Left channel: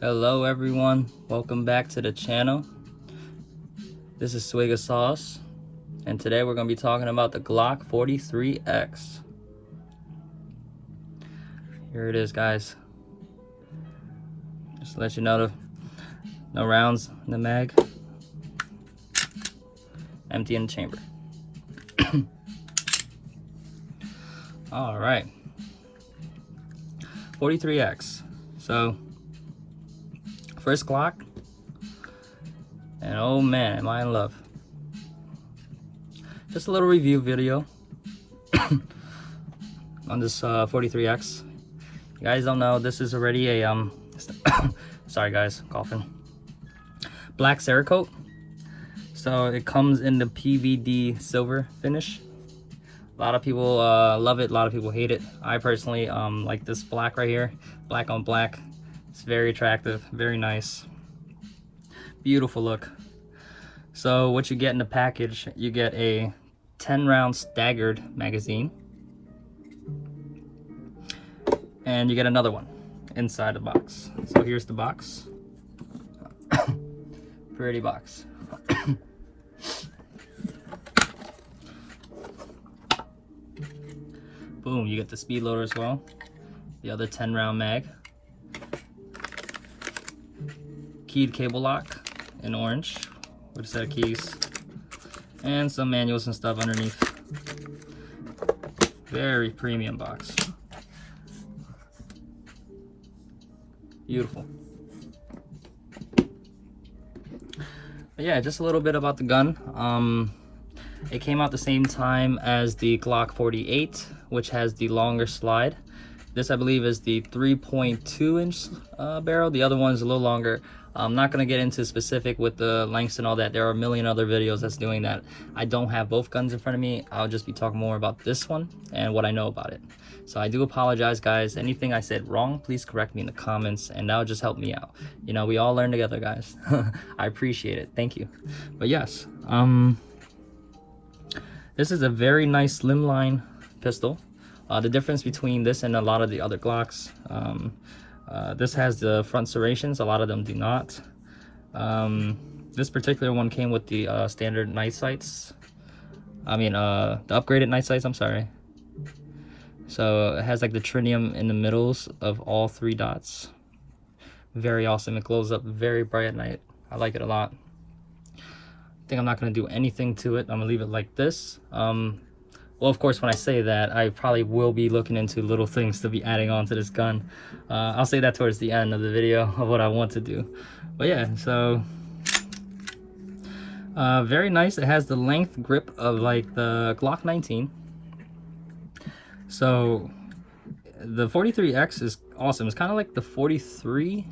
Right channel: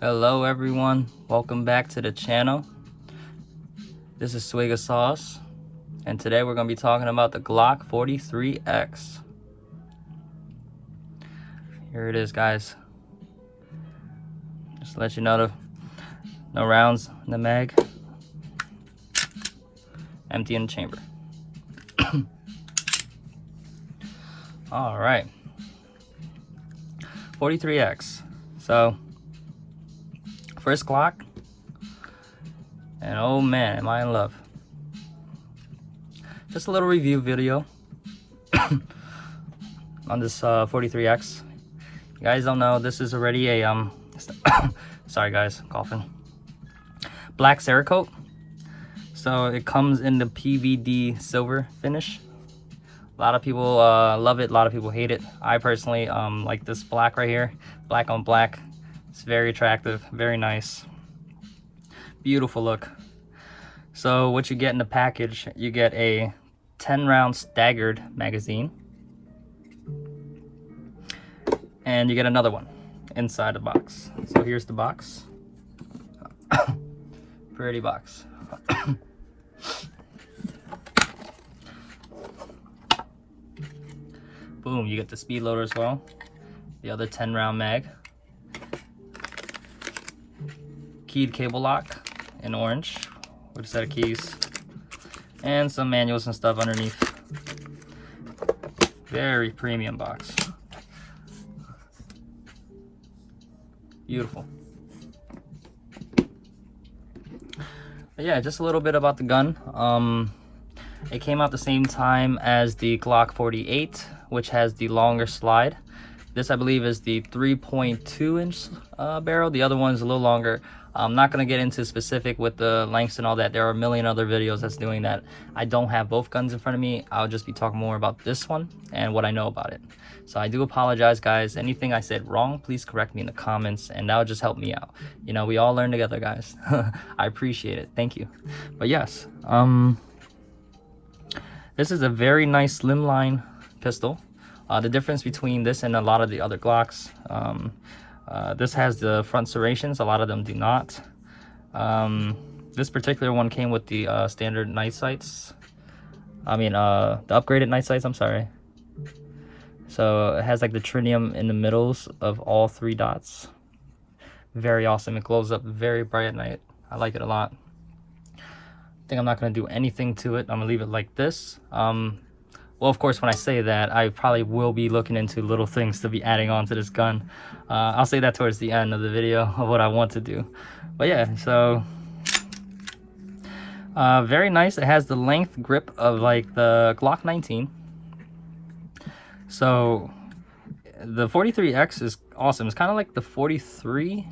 Hello everyone, welcome back to the channel. This is Swigga Sauce, and today we're going to be talking about the Glock 43X. Here it is, guys. Just to let you know, no rounds in the mag. Empty in the chamber. Alright. 43X. So, first Glock, and oh man, am I in love. Just a little review video on this 43X. You guys don't know, this is already a sorry guys, coughing. Black cerakote. So it comes in the PVD silver finish. A lot of people love it, a lot of people hate it. I personally like this black right here, black on black. It's very attractive, very nice, beautiful look. So what you get in the package, you get a 10-round staggered magazine, and you get another one inside the box. So here's the box. Pretty box. Boom, you get the speed loader as well, the other 10-round mag, keyed cable lock in orange with a set of keys, and some manuals and stuff underneath. Very premium box. Beautiful. But yeah, just a little bit about the gun. It came out the same time as the Glock 48, which has the longer slide. This, I believe, is the 3.2 inch barrel. The other one is a little longer. I'm not going to get into specific with the lengths and all that. There are a million other videos that's doing that. I don't have both guns in front of me. I'll just be talking more about this one and what I know about it. So I do apologize, guys. Anything I said wrong, please correct me in the comments, and that'll just help me out. You know, we all learn together, guys. I appreciate it. Thank you. But yes, this is a very nice slimline pistol. The difference between this and a lot of the other Glocks, this has the front serrations, a lot of them do not. This particular one came with the standard night sights. I mean, the upgraded night sights, I'm sorry. So it has like the tritium in the middles of all 3 dots. Very awesome. It glows up very bright at night. I like it a lot. I think I'm not going to do anything to it. I'm going to leave it like this. Well, of course, when I say that, I probably will be looking into little things to be adding on to this gun. I'll say that towards the end of the video of what I want to do. But yeah, so very nice. It has the length grip of like the Glock 19. So the 43X is awesome. It's kind of like the 43,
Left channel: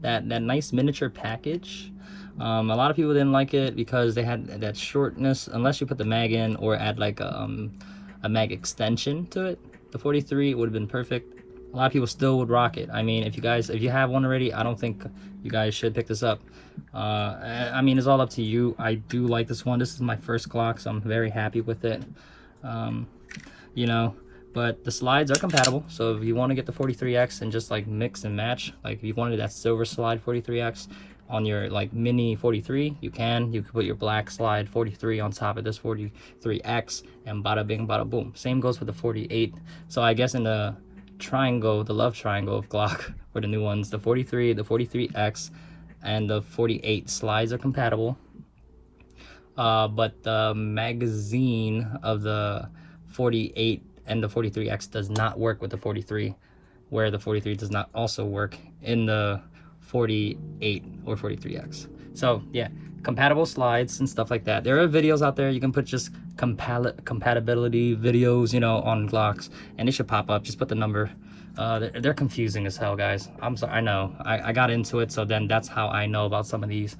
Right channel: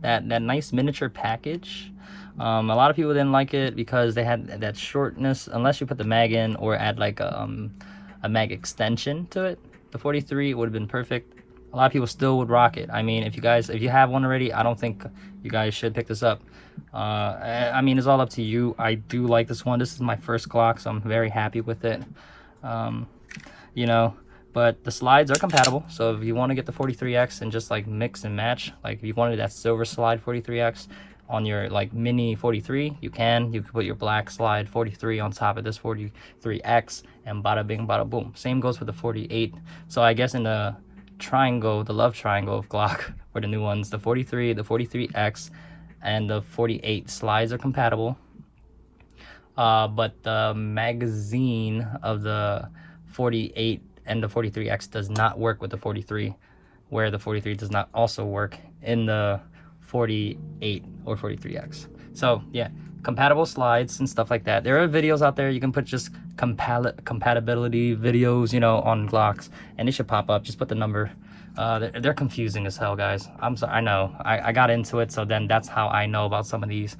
that nice miniature package. A lot of people didn't like it because they had that shortness, unless you put the mag in or add like a mag extension to it. The 43 would have been perfect. A lot of people still would rock it. I mean, if you have one already, I don't think you guys should pick this up. I mean, it's all up to you. I do like this one. This is my first Glock, so I'm very happy with it. You know, but the slides are compatible. So if you want to get the 43X and just like mix and match, like if you wanted that silver slide 43X on your like mini 43, you can put your black slide 43 on top of this 43X, and bada bing bada boom. Same goes with the 48. So I guess in the triangle, the love triangle of Glock for the new ones, the 43, the 43X, and the 48 slides are compatible. But the magazine of the 48 and the 43X does not work with the 43, where the 43 does not also work in the 48 or 43X. So yeah, compatible slides and stuff like that. There are videos out there. You can put just compatibility videos, you know, on Glocks, and it should pop up. Just put the number. They're confusing as hell, guys. I'm sorry. I know. I got into it, so then that's how I know about some of these.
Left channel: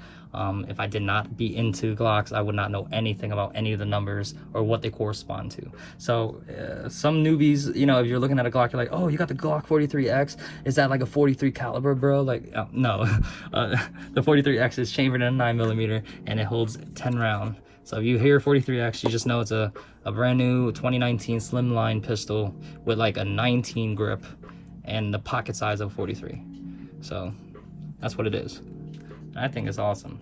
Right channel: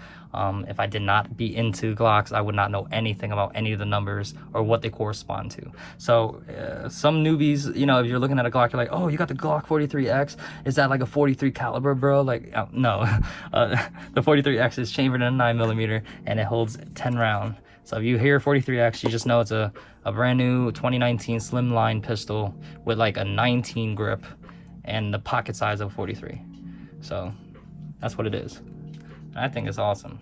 If I did not be into Glocks, I would not know anything about any of the numbers or what they correspond to. So some newbies, you know, if you're looking at a Glock, you're like, oh, you got the Glock 43X. Is that like a 43 caliber, bro? Like, no. The 43X is chambered in a 9mm, and it holds 10 round. So if you hear 43X, you just know it's a brand new 2019 slimline pistol with like a 19 grip and the pocket size of 43. So That's what it is. And I think it's awesome.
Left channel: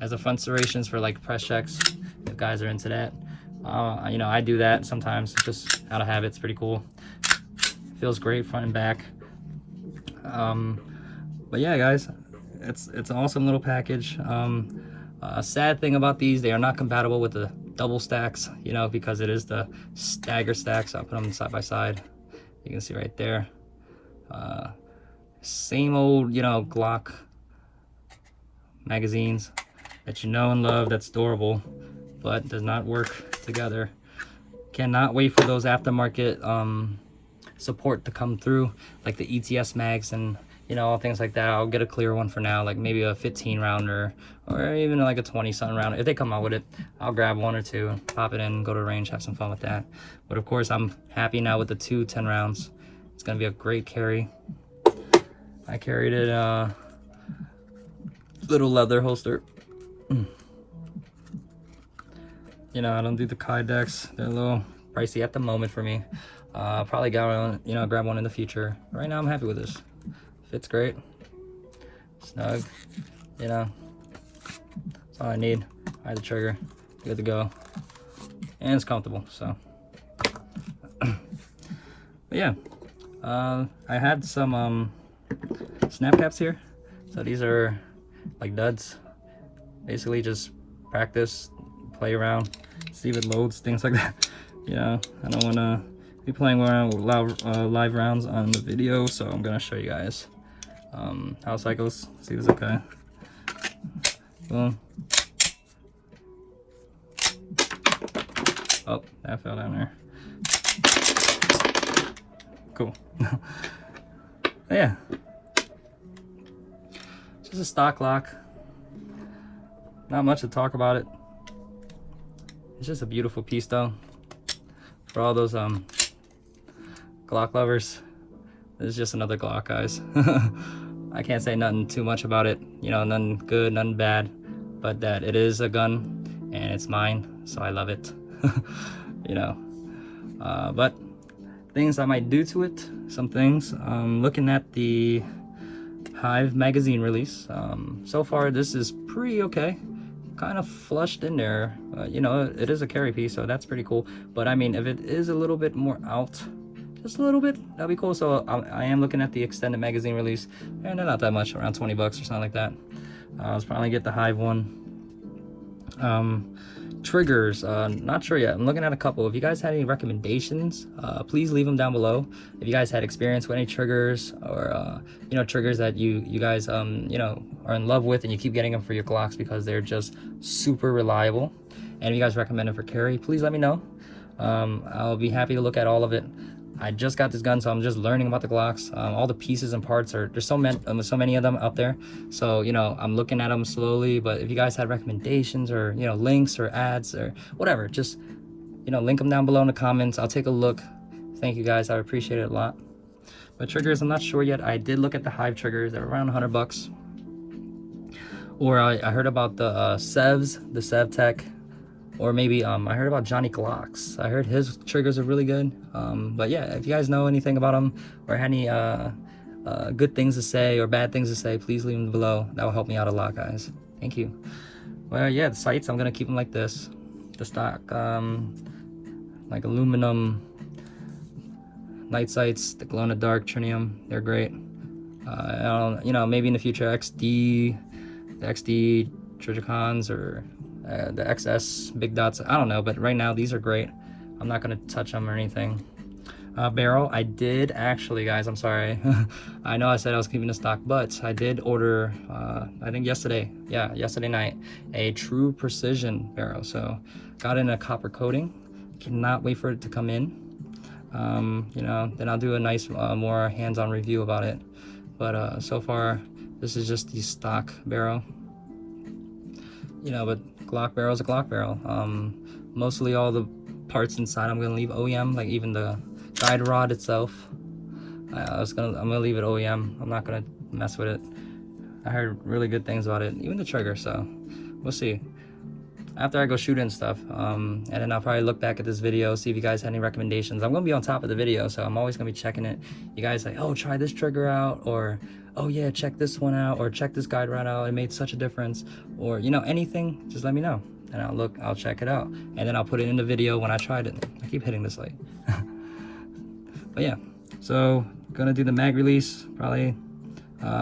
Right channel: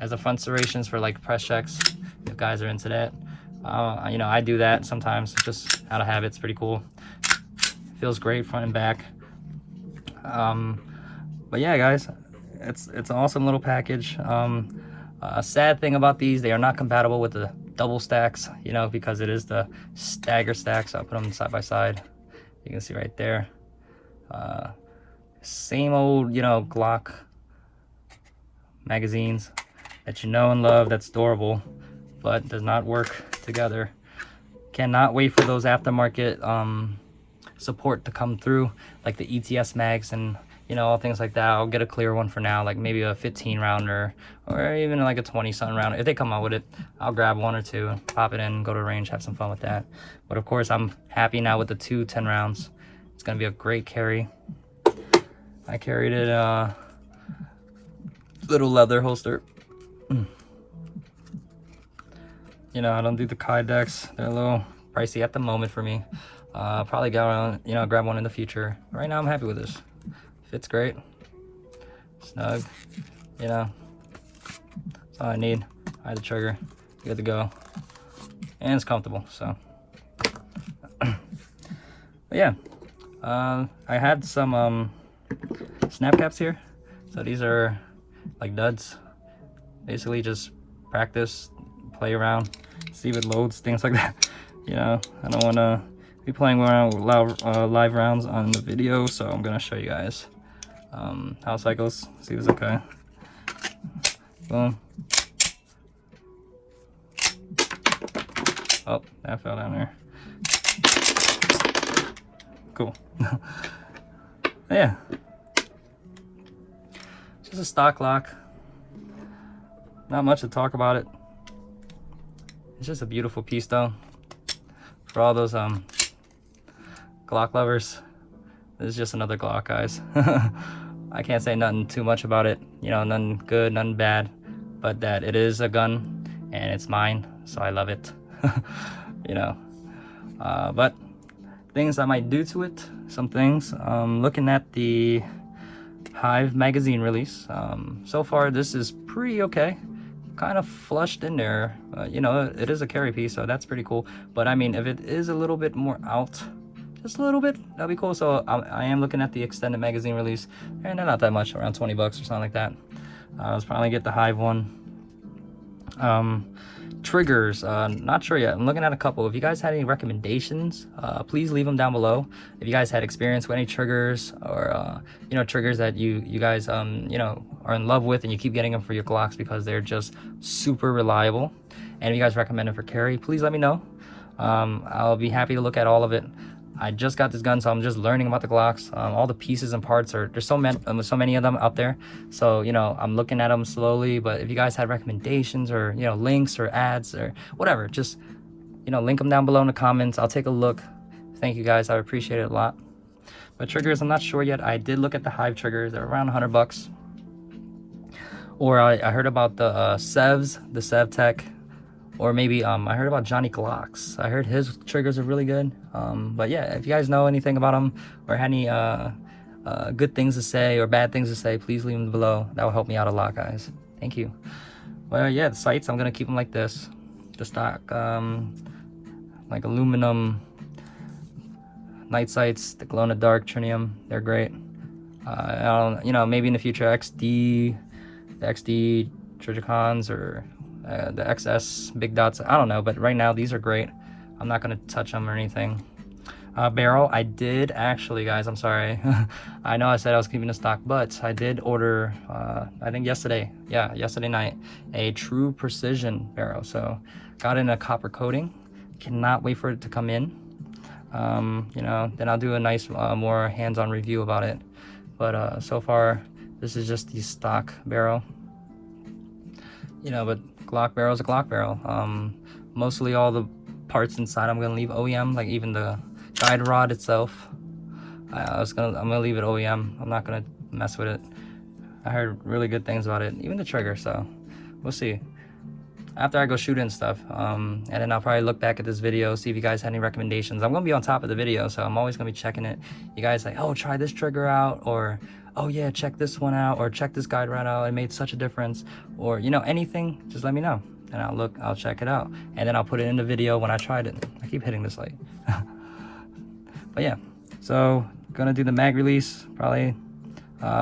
Has the front serrations for like press checks, if guys are into that. You know, I do that sometimes. It's just out of habit. It's pretty cool. Feels great front and back. But yeah, guys, it's an awesome little package. A sad thing about these, they are not compatible with the double stacks, you know, because it is the stagger stacks. I'll put them side by side. You can see right there. Same old, you know, Glock magazines that you know and love, that's durable, but does not work together. Cannot wait for those aftermarket support to come through, like the ETS mags and, you know, all things like that. I'll get a clear one for now, like maybe a 15 rounder or even like a 20 something round. If they come out with it, I'll grab one or two, pop it in, go to the range, have some fun with that. But of course, I'm happy now with the two 10 rounds. It's gonna be a great carry. I carried it little leather holster. You know, I don't do the Kydex. They're a little pricey at the moment for me. Probably grab one in the future. Right now I'm happy with this. Fits great, snug, you know, that's all I need. I have the trigger, good to go, and it's comfortable, so. But yeah, I had some snap caps here. So these are like duds, basically just practice, play around, see if it loads, things like that. You know, I don't want to be playing around with live rounds on the video, so I'm gonna show you guys how it cycles. See if it's okay. Boom. Oh, that fell down there. Cool. Yeah, just a stock lock. Not much to talk about it. It's just a beautiful piece though. For all those Glock lovers, this is just another Glock, guys. I can't say nothing too much about it, you know, nothing good, nothing bad, but that it is a gun and it's mine, so I love it. You know, but things I might do to it, some things. Looking at the Hive magazine release, so far this is pretty okay, kind of flushed in there. You know, it is a carry piece, so that's pretty cool. But I mean, if it is a little bit more out, just a little bit, that'd be cool. So I am looking at the extended magazine release, and they're not that much, around 20 bucks or something like that. I was probably get the Hive one. Triggers, not sure yet. I'm looking at a couple. If you guys had any recommendations, please leave them down below. If you guys had experience with any triggers, or you know, triggers that you guys you know, are in love with and you keep getting them for your Glocks because they're just super reliable, and if you guys recommend them for carry, please let me know. I'll be happy to look at all of it. I just got this gun, so I'm just learning about the Glocks. All the pieces and parts there's so many of them out there. So, you know, I'm looking at them slowly, but if you guys had recommendations or, you know, links or ads or whatever, just, you know, link them down below in the comments. I'll take a look. Thank you guys, I appreciate it a lot. But triggers, I'm not sure yet. I did look at the Hive triggers. They're around 100 bucks. Or I heard about the Sevs, the Sev Tech. Or maybe I heard about Johnny Glocks. I heard his triggers are really good. But yeah, if you guys know anything about them or had any good things to say or bad things to say, please leave them below. That will help me out a lot, guys. Thank you. Well, yeah, the sights, I'm gonna keep them like this. The stock, like aluminum night sights, the glow in the dark tritium. They're great. I don't, you know, maybe in the future the XD Trigicons or the XS big dots, I don't know, but right now these are great. I'm not gonna touch them or anything. Barrel, I did actually, guys, I'm sorry. I know I said I was keeping the stock, but I did order, I think yesterday night, a true precision barrel. So got in a copper coating. Cannot wait for it to come in. You know, then I'll do a nice more hands-on review about it. But so far this is just the stock barrel, you know. But Glock barrel is a Glock barrel. Mostly all the parts inside I'm gonna leave OEM, like even the guide rod itself. I'm gonna leave it OEM. I'm not gonna mess with it. I heard really good things about it, even the trigger, so we'll see. after I go shoot and stuff. And then I'll probably look back at this video, see if you guys had any recommendations. I'm gonna be on top of the video, so I'm always gonna be checking it. You guys like, oh, try this trigger out, or oh yeah, check this one out, or check this guide right out, it made such a difference, or you know, anything, just let me know and I'll check it out, and then I'll put it in the video when I tried it. I keep hitting this light. But yeah, so gonna do the mag release probably.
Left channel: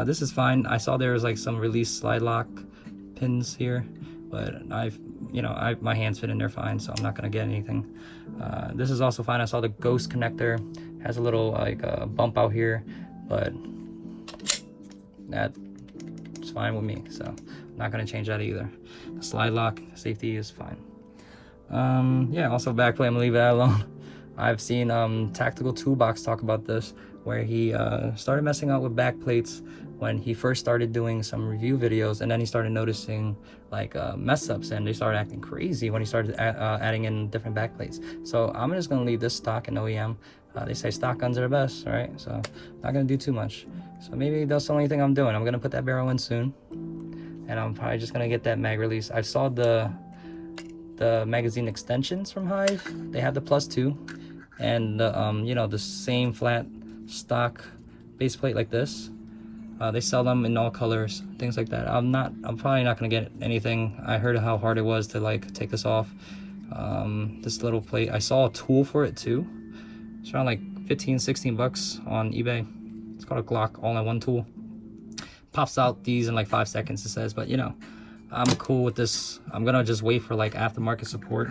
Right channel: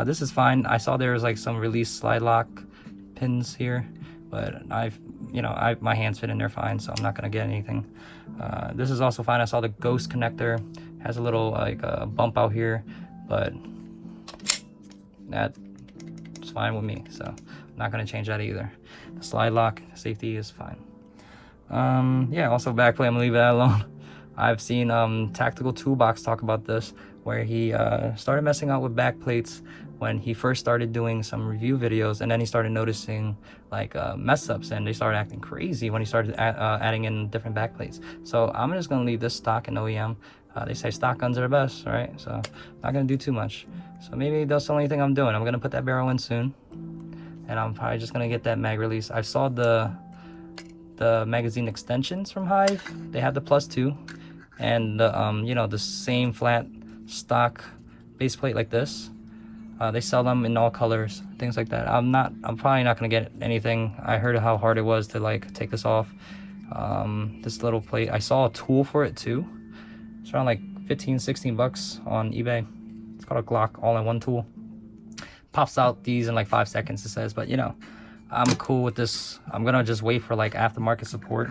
This is fine. I saw there was like some release slide lock pins here, but my hands fit in there fine, so I'm not gonna get anything. This is also fine. I saw the ghost connector has a little like bump out here, but that's fine with me, so I'm not gonna change that either. The slide lock safety is fine. Yeah, also backplate, I'm gonna leave that alone. I've seen Tactical Toolbox talk about this, where he started messing out with back plates when he first started doing some review videos, and then he started noticing like mess ups, and they started acting crazy when he started adding in different back plates. So I'm just gonna leave this stock in OEM. They say stock guns are the best, right? So I'm not gonna do too much. So maybe that's the only thing I'm doing. I'm gonna put that barrel in soon, and I'm probably just gonna get that mag release. I saw the magazine extensions from Hive. They have the +2 and the you know, the same flat stock base plate like this. They sell them in all colors, things like that. I'm probably not gonna get anything. I heard how hard it was to like take this off. This little plate, I saw a tool for it too. It's around like 15-16 bucks on eBay. It's called a Glock all-in-one tool. Pops out these in like 5 seconds, it says, but you know, I'm cool with this. I'm gonna just wait for like aftermarket support.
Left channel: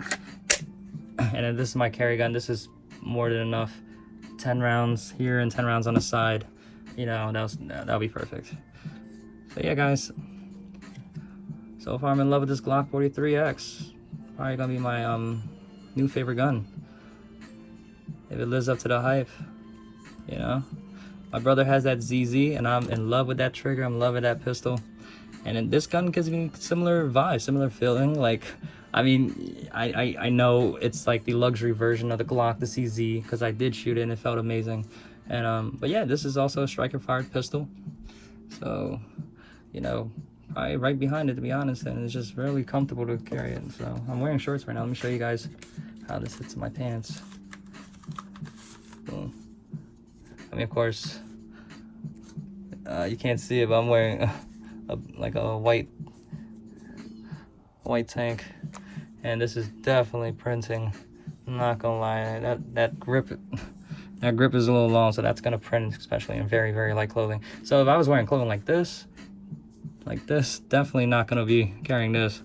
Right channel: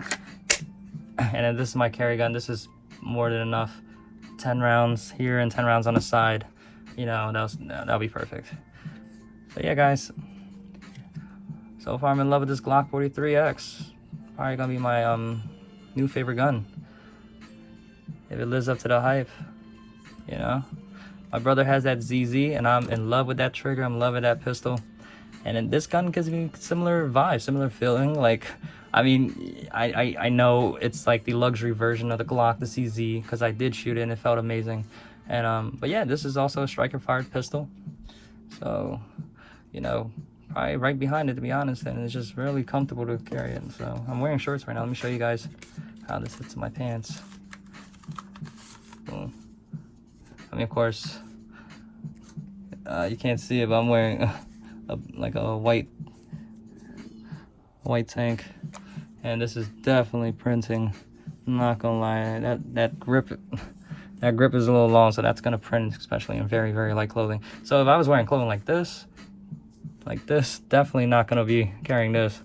And then this is my carry gun. This is more than enough. 10 rounds here and 10 rounds on the side. You know, that'll be perfect. So yeah, guys. So far I'm in love with this Glock 43X. Probably gonna be my new favorite gun, if it lives up to the hype. You know, my brother has that ZZ, and I'm in love with that trigger. I'm in love with that pistol. And then this gun gives me similar vibe, similar feeling. Like, I mean, I know it's like the luxury version of the Glock, the CZ, because I did shoot it and it felt amazing. And but yeah, this is also a striker fired pistol. So, you know, probably right behind it, to be honest, and it's just really comfortable to carry it. So I'm wearing shorts right now. Let me show you guys how this fits in my pants. Boom. I mean, of course, you can't see it, but I'm wearing like a white tank, and this is definitely printing. I'm not gonna lie, that grip is a little long, so that's gonna print, especially in very, very light clothing. So if I was wearing clothing like this, definitely not gonna be carrying this.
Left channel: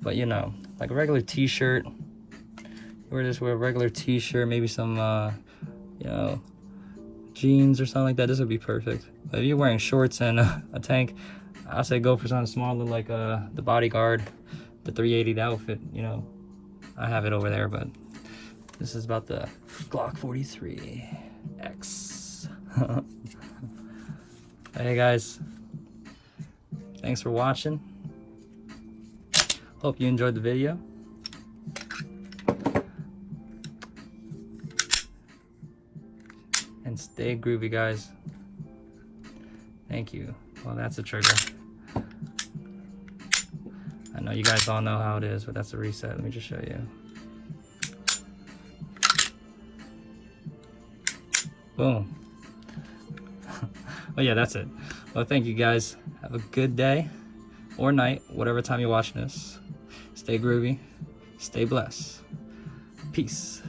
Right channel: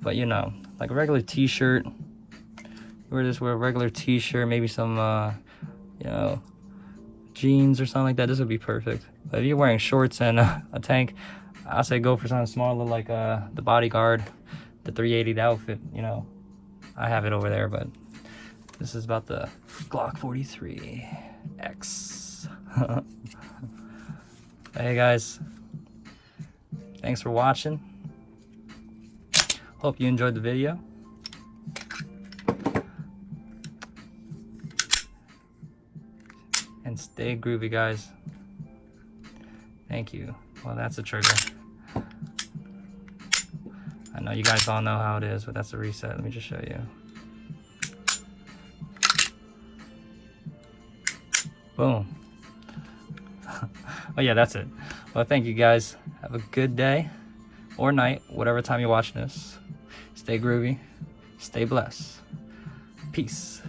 But you know, like a regular t-shirt, wear a regular t-shirt, maybe some you know, jeans or something like that, this would be perfect. But if you're wearing shorts and a tank, I say go for something smaller, like the Bodyguard, the 380, the outfit. You know, I have it over there, but this is about the Glock 43X. Hey guys, thanks for watching. Hope you enjoyed the video. And stay groovy, guys. Thank you. Well, that's a trigger. I know you guys all know how it is, but that's a reset. Let me just show you. Boom. Oh yeah, that's it. Well, thank you guys. Have a good day or night, whatever time you're watching this. Stay groovy. Stay blessed. Peace.